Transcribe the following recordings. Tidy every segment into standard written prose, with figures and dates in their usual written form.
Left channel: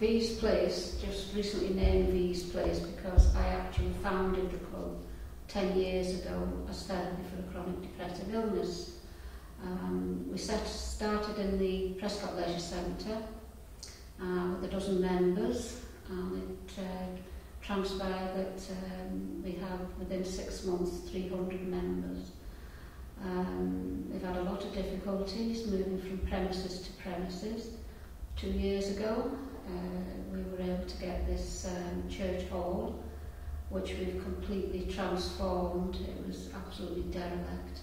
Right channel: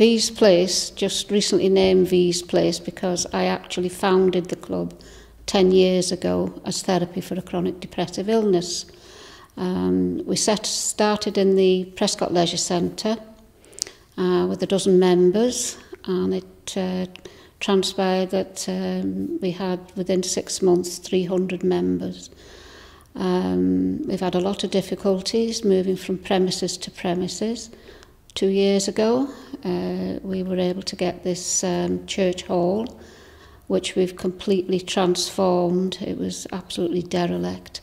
Vees Place, just recently named Vees Place because I actually founded the club 10 years ago as therapy for a chronic depressive illness. We started in the Prescot Leisure Centre with a dozen members, and it transpired that we had within 6 months 300 members. We've had a lot of difficulties moving from premises to premises. 2 years ago we were able to get this church hall, which we've completely transformed. It was absolutely derelict,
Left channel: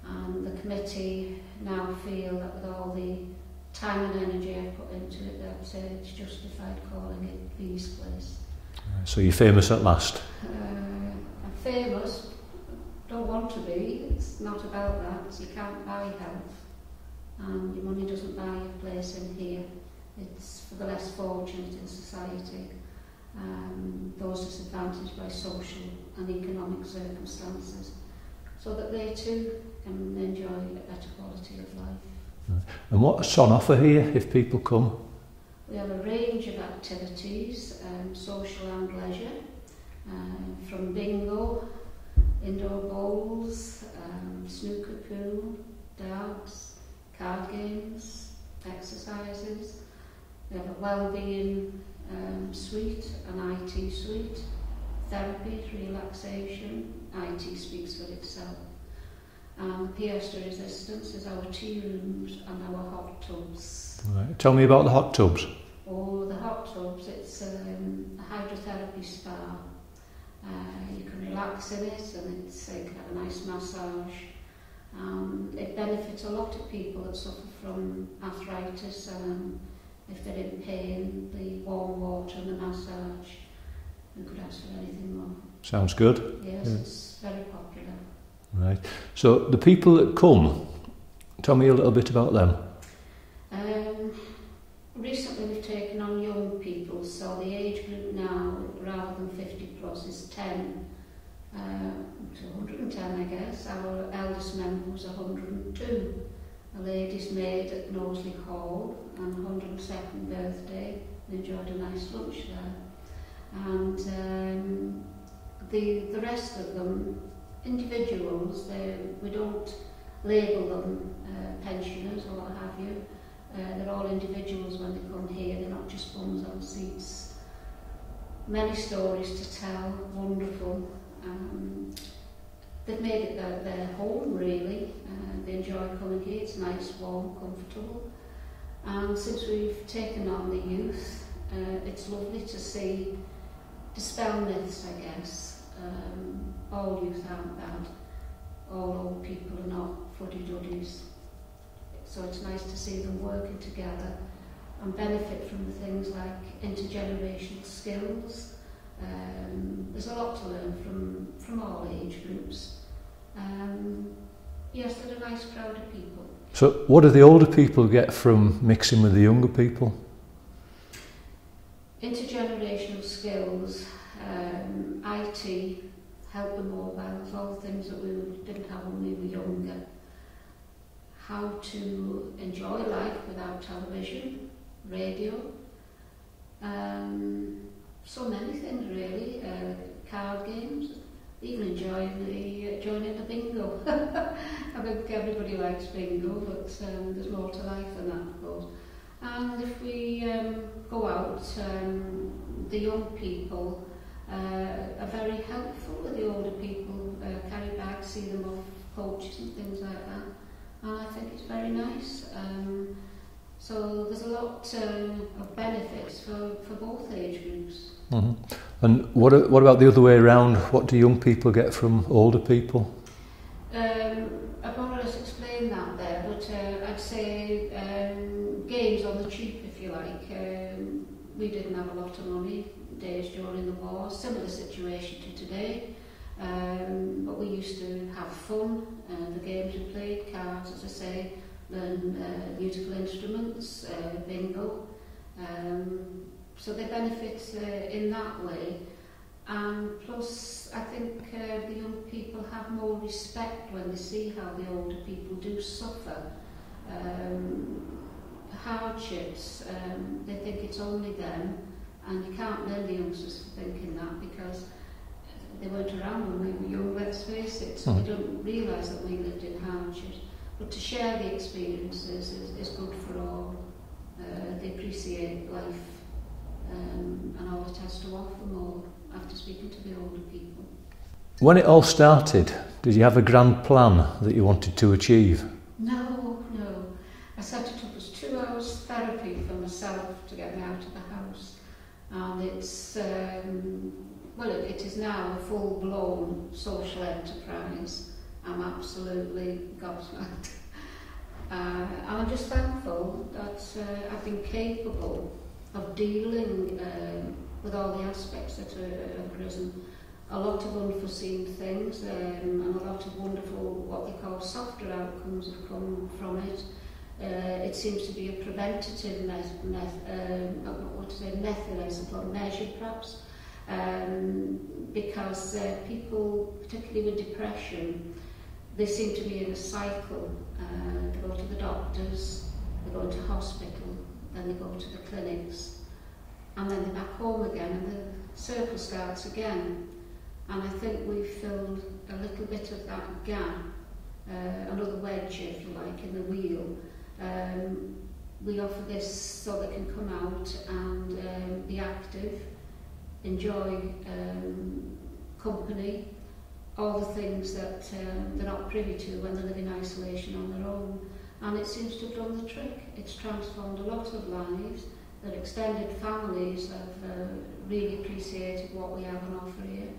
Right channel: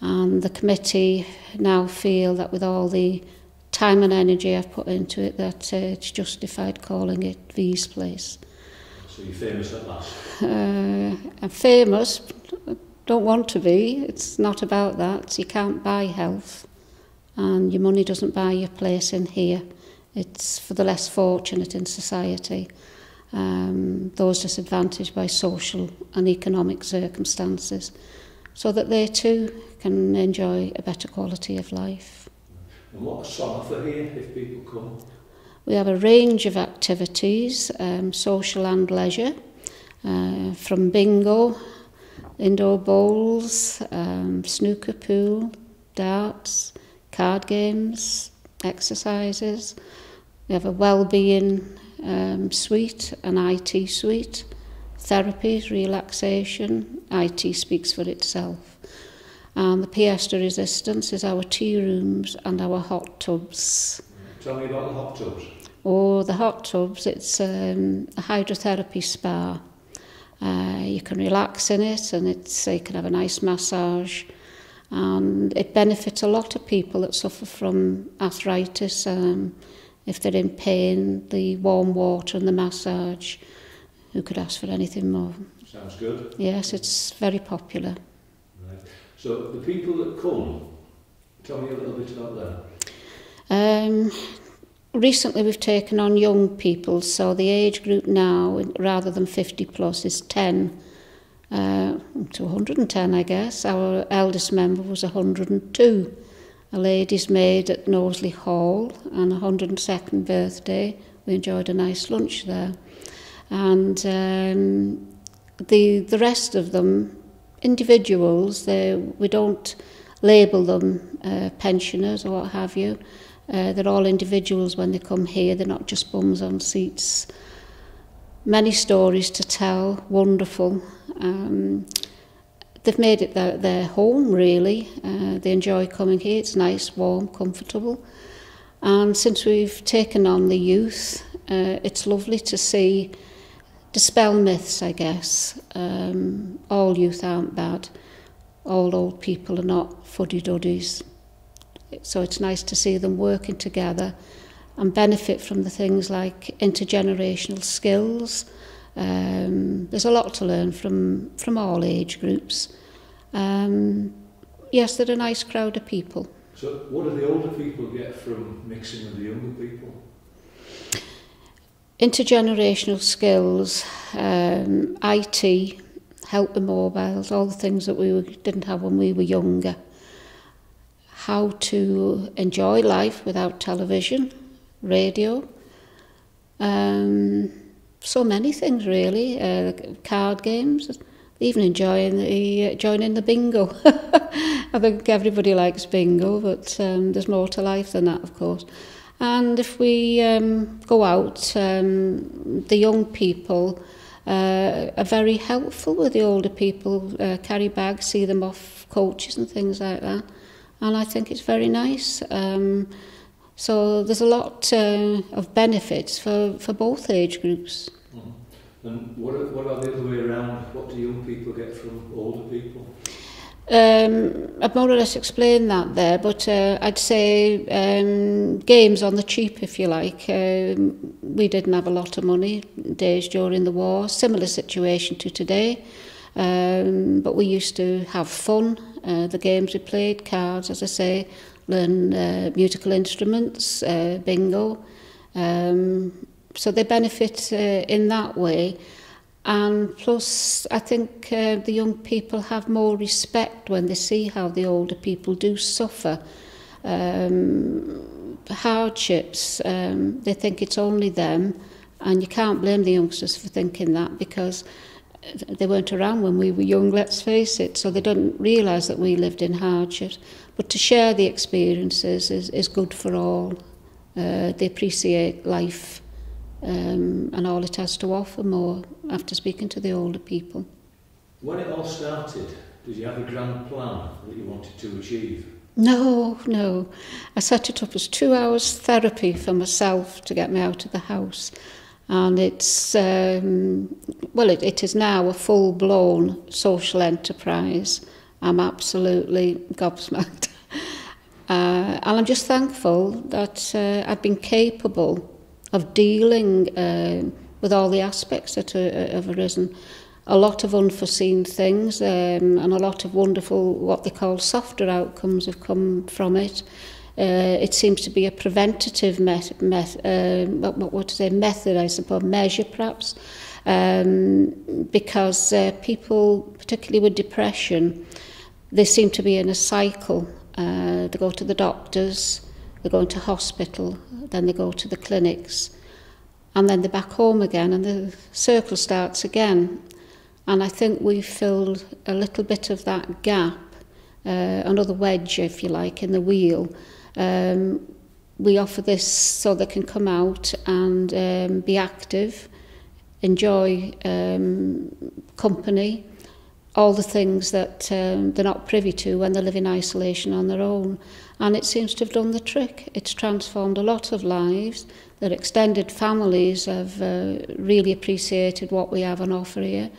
and the committee now feel that with all the time and energy I've put into it, that it's justified calling it Vees Place. So you're famous at last? I'm famous, don't want to be. It's not about that. You can't buy health, and your money doesn't buy your place in here. It's for the less fortunate in society, those disadvantaged by social and economic circumstances, so that they too can enjoy a better quality of life. And what's on offer here if people come? We have a range of activities, social and leisure, from bingo, indoor bowls, snooker, pool, darts, card games, exercises. We have a well-being suite, an IT suite, therapies, relaxation. IT speaks for itself. And the pièce de resistance is our tea rooms and our hot tubs. Right. Tell me about the hot tubs. Oh, the hot tubs, it's a hydrotherapy spa. You can relax in it, and you can have a nice massage. And it benefits a lot of people that suffer from arthritis. If they're in pain, the warm water and the massage, who could ask for anything more? Sounds good. Yes, it's very popular. Right. So the people that come, tell me a little bit about them. Recently we've taken on young people, so the age group now, rather than 50 plus, is 10 to 110, I guess. Our eldest member was 102. A lady's maid at Knowsley Hall, and 102nd birthday. We enjoyed a nice lunch there. And the rest of them, individuals, we don't label them pensioners or what have you. They're all individuals when they come here. They're not just bums on seats. Many stories to tell, wonderful. They've made it their home, really. They enjoy coming here. It's nice, warm, comfortable. And since we've taken on the youth, it's lovely to see, dispel myths, I guess. All youth aren't bad. All old people are not fuddy-duddies. So it's nice to see them working together and benefit from the things like intergenerational skills. There's a lot to learn from all age groups. Yes, they're a nice crowd of people. So what do the older people get from mixing with the younger people? Intergenerational skills, IT, help with mobiles, all the things that we didn't have when we were younger. How to enjoy life without television, radio, so many things really, card games, even joining the bingo. I think everybody likes bingo, but there's more to life than that, of course. And if we go out, the young people are very helpful with the older people, carry bags, see them off coaches and things like that. And I think it's very nice. So there's a lot of benefits for both age groups. Mm-hmm. And what about the other way around? What do young people get from older people? I've more or less explained that there, but I'd say games on the cheap, if you like. We didn't have a lot of money days during the war, similar situation to today. But we used to have fun. The games we played, cards, as I say, learn musical instruments, bingo. So they benefit in that way. And plus, I think the young people have more respect when they see how the older people do suffer. hardships, they think it's only them, and you can't blame the youngsters for thinking that, because they weren't around when we were young, let's face it, so they don't realise that we lived in hardships. But to share the experiences is good for all. They appreciate life and all it has to offer more after speaking to the older people. When it all started, did you have a grand plan that you wanted to achieve? No. I set it up as 2 hours therapy for myself to get me out of the house. And it's, it is now a full-blown social enterprise. I'm absolutely gobsmacked. And I'm just thankful that I've been capable of dealing with all the aspects that have arisen. A lot of unforeseen things and a lot of wonderful, what they call softer outcomes have come from it. It seems to be a preventative method, I suppose, measure perhaps, because people, particularly with depression, they seem to be in a cycle. They go to the doctors, they go into hospital, then they go to the clinics, and then they're back home again, and the circle starts again. And I think we filled a little bit of that gap, another wedge, if you like, in the wheel. We offer this so they can come out and be active, enjoy company, all the things that they're not privy to when they live in isolation on their own. And it seems to have done the trick. It's transformed a lot of lives. Their extended families have really appreciated what we have on offer here.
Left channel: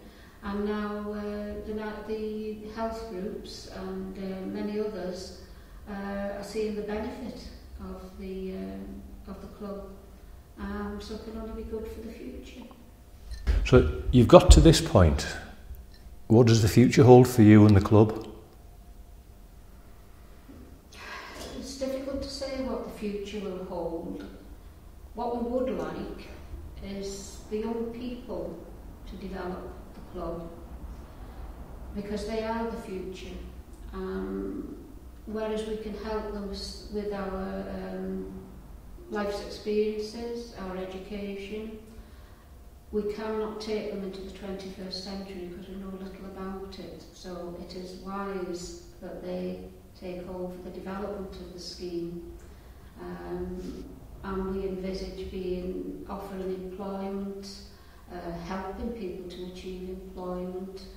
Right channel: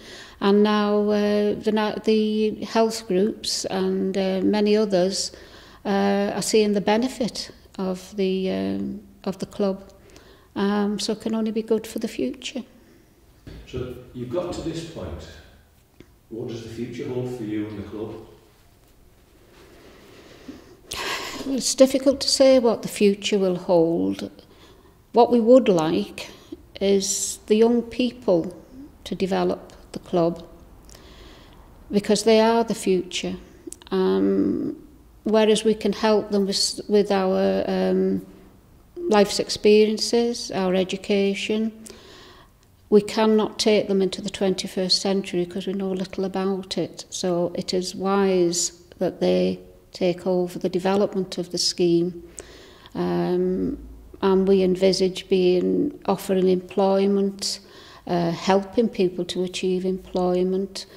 And now the health groups and many others are seeing the benefit of the club. So it can only be good for the future. So you've got to this point. What does the future hold for you and the club? It's difficult to say what the future will hold. What we would like is the young people to develop the club, because they are the future. Whereas we can help them with our life's experiences, our education, we cannot take them into the 21st century because we know little about it. So it is wise that they take over the development of the scheme. And we envisage offering employment, helping people to achieve employment,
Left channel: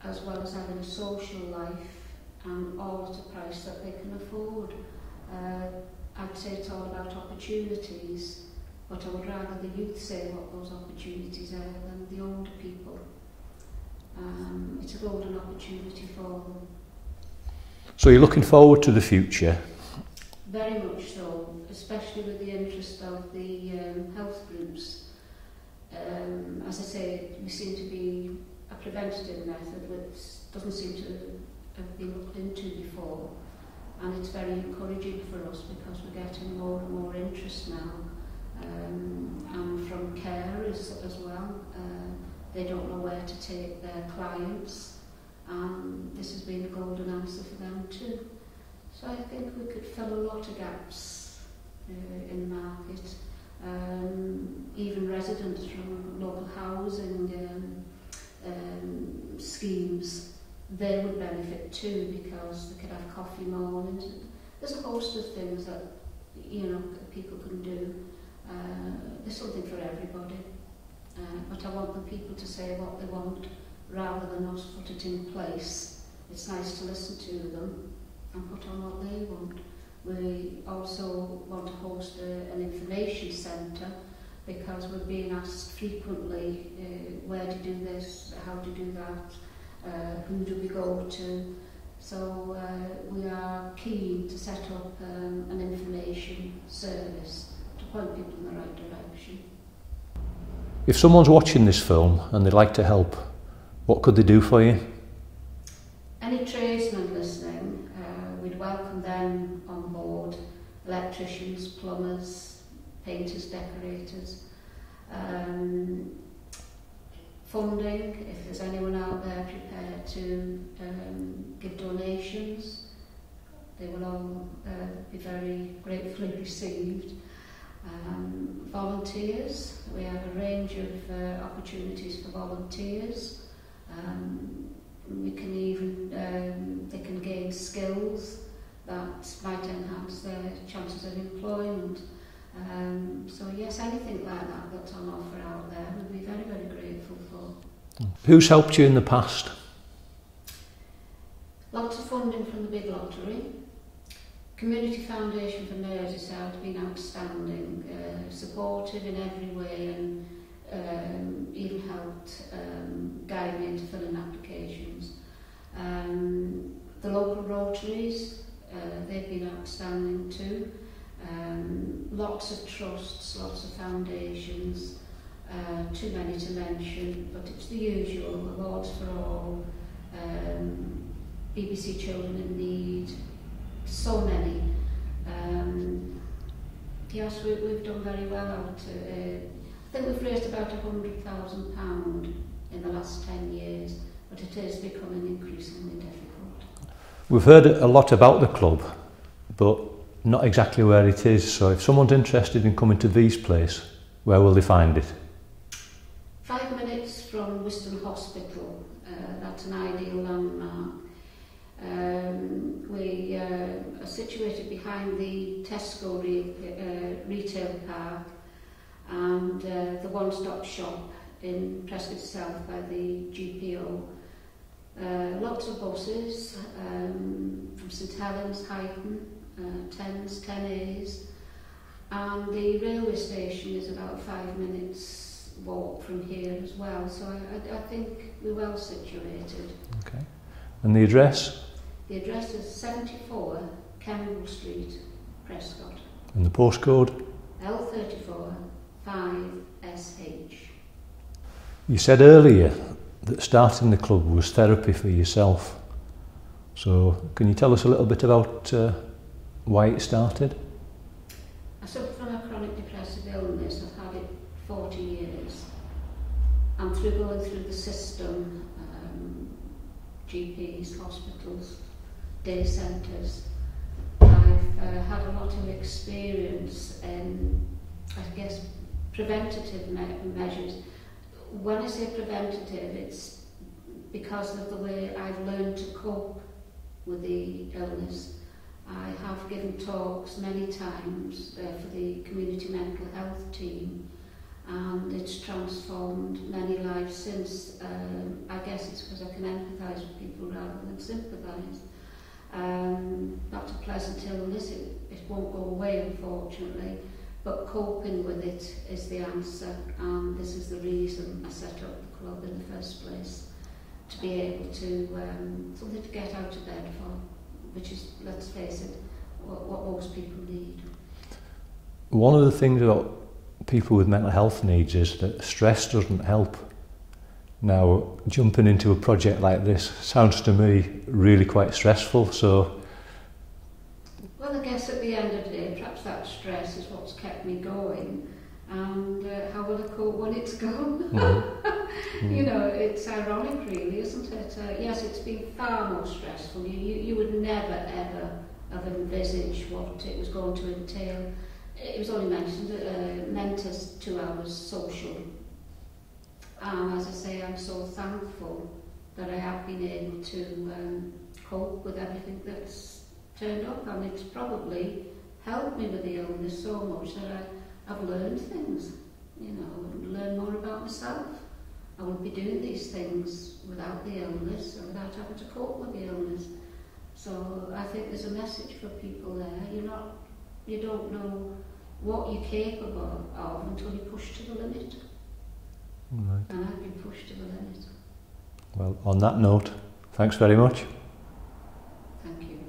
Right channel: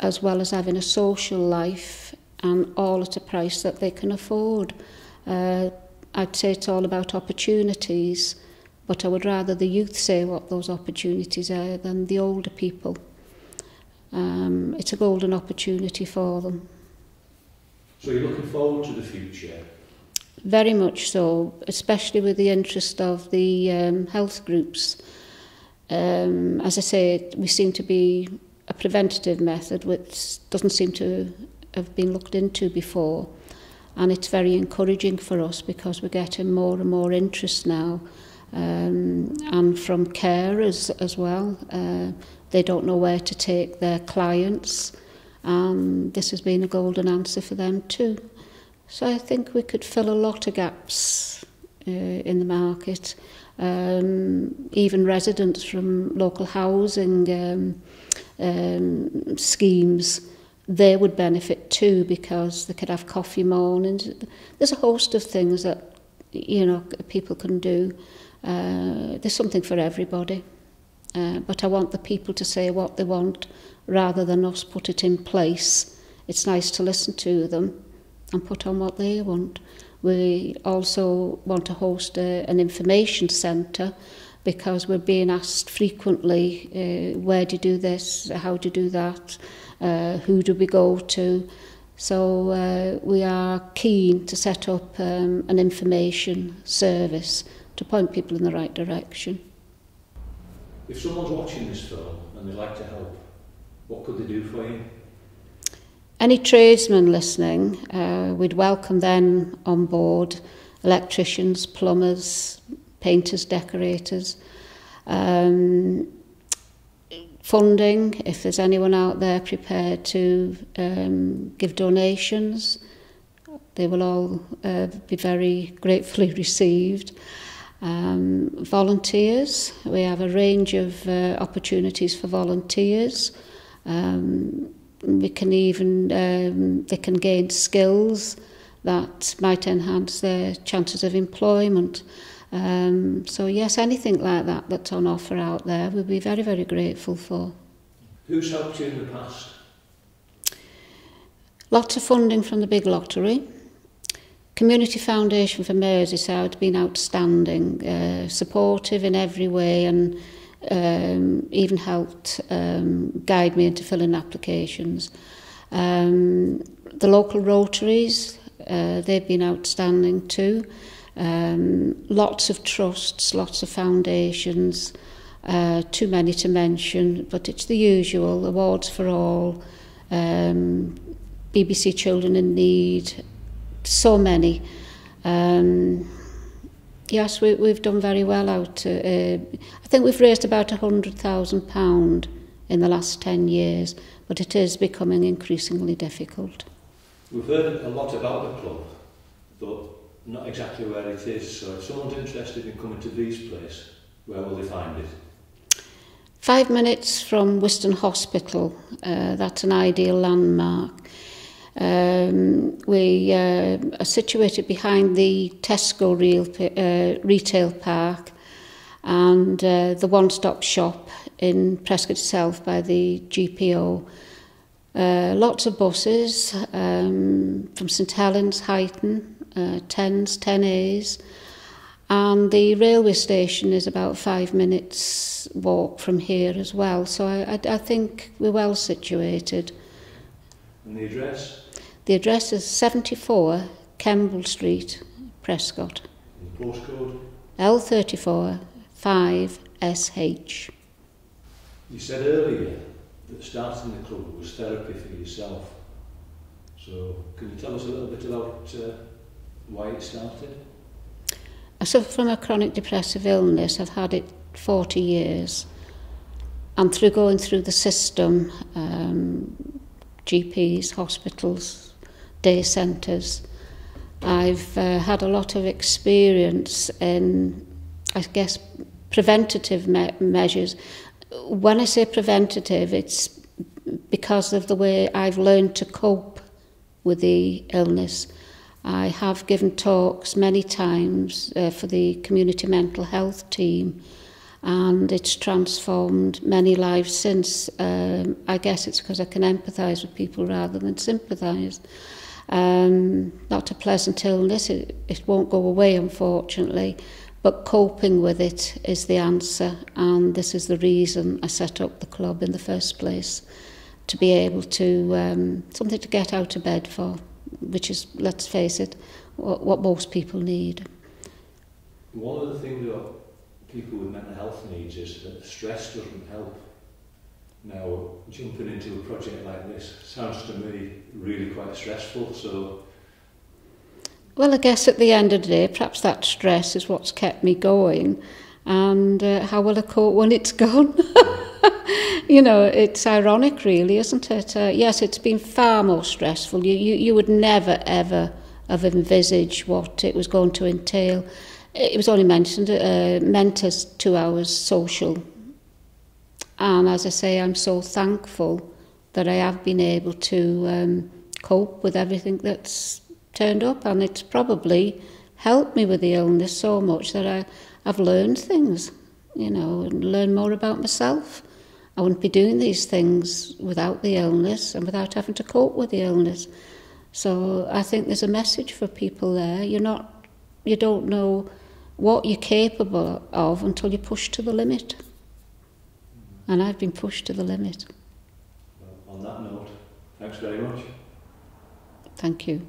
as well as having a social life, and all at a price that they can afford. I'd say it's all about opportunities, but I would rather the youth say what those opportunities are than the older people. It's a golden opportunity for them. So you're looking forward to the future? Very much so, especially with the interest of the health groups. As I say, we seem to be a preventative method which doesn't seem to have been looked into before, and it's very encouraging for us because we're getting more and more interest now, and from carers as well. They don't know where to take their clients, and this has been a golden answer for them too. So I think we could fill a lot of gaps in the market. Even residents from local housing schemes, they would benefit too, because they could have coffee mornings. There's a host of things that people can do. There's something for everybody, but I want the people to say what they want rather than us put it in place. It's nice to listen to them and put on what they want. We also want to host an information centre, because we're being asked frequently, where do you do this, how do you do that, who do we go to? So we are keen to set up an information service to point people in the right direction. If someone's watching this film and they'd like to help, what could they do for you? Any tradesmen listening, we'd welcome them on board. Electricians, plumbers, painters, decorators. Funding, if there's anyone out there prepared to give donations. they will all be very gratefully received. Volunteers, we have a range of opportunities for volunteers. We can even, they can gain skills that might enhance their chances of employment. So yes, anything like that that's on offer out there, we'll be very, very grateful for. Who's helped you in the past? Lots of funding from the big lottery. Community Foundation for Merseyside has been outstanding, supportive in every way, and even helped guide me into filling applications. The local Rotaries, they've been outstanding too. Lots of trusts, lots of foundations, too many to mention, but it's the usual, Awards for All, BBC Children in Need, so many. Yes, we've done very well out. I think we've raised about £100,000 in the last 10 years, but it is becoming increasingly difficult. We've heard a lot about the club, but not exactly where it is. So if someone's interested in coming to Vees place, where will they find it? 5 minutes from Whiston Hospital. That's an ideal landmark. We are situated behind the Tesco retail park and the one-stop shop in Prescot itself by the GPO. Lots of buses from St.Helens, Huyton, 10s, 10As, and the railway station is about 5 minutes walk from here as well, so I think we're well situated. Okay. And the address? The address is 74 Kemble Street, Prescot. And the postcode? L34 5SH. You said earlier that starting the club was therapy for yourself. So can you tell us a little bit about why it started? I suffer from a chronic depressive illness. I've had it 40 years. And through going through the system, GPs, hospitals, day centres, I've had a lot of experience in, I guess, preventative measures. When I say preventative, it's because of the way I've learned to cope with the illness. I have given talks many times for the community mental health team, and it's transformed many lives since. I guess it's because I can empathise with people rather than sympathise. Not a pleasant illness, it won't go away unfortunately, but coping with it is the answer, and this is the reason I set up the club in the first place, to be able to, something to get out of bed for, which is, let's face it, what most people need. One of the things about people with mental health needs is that stress doesn't help. Now, jumping into a project like this sounds to me really quite stressful, so... Well, I guess at the end of the day, perhaps that stress is what's kept me going, and how will I cope when it's gone? Mm-hmm. You know, it's ironic really, isn't it? Yes, it's been far more stressful. You would never, ever have envisaged what it was going to entail. It was only meant as 2 hours social. And as I say, I'm so thankful that I have been able to cope with everything that's turned up, and it's probably helped me with the illness so much that I've learned things, you know, and learned more about myself. I wouldn't be doing these things without the illness and without having to cope with the illness. So I think there's a message for people there. You don't know what you're capable of until you're pushed to the limit. Right. And I've been pushed to the limit. Well, on that note, thanks very much. Thank you.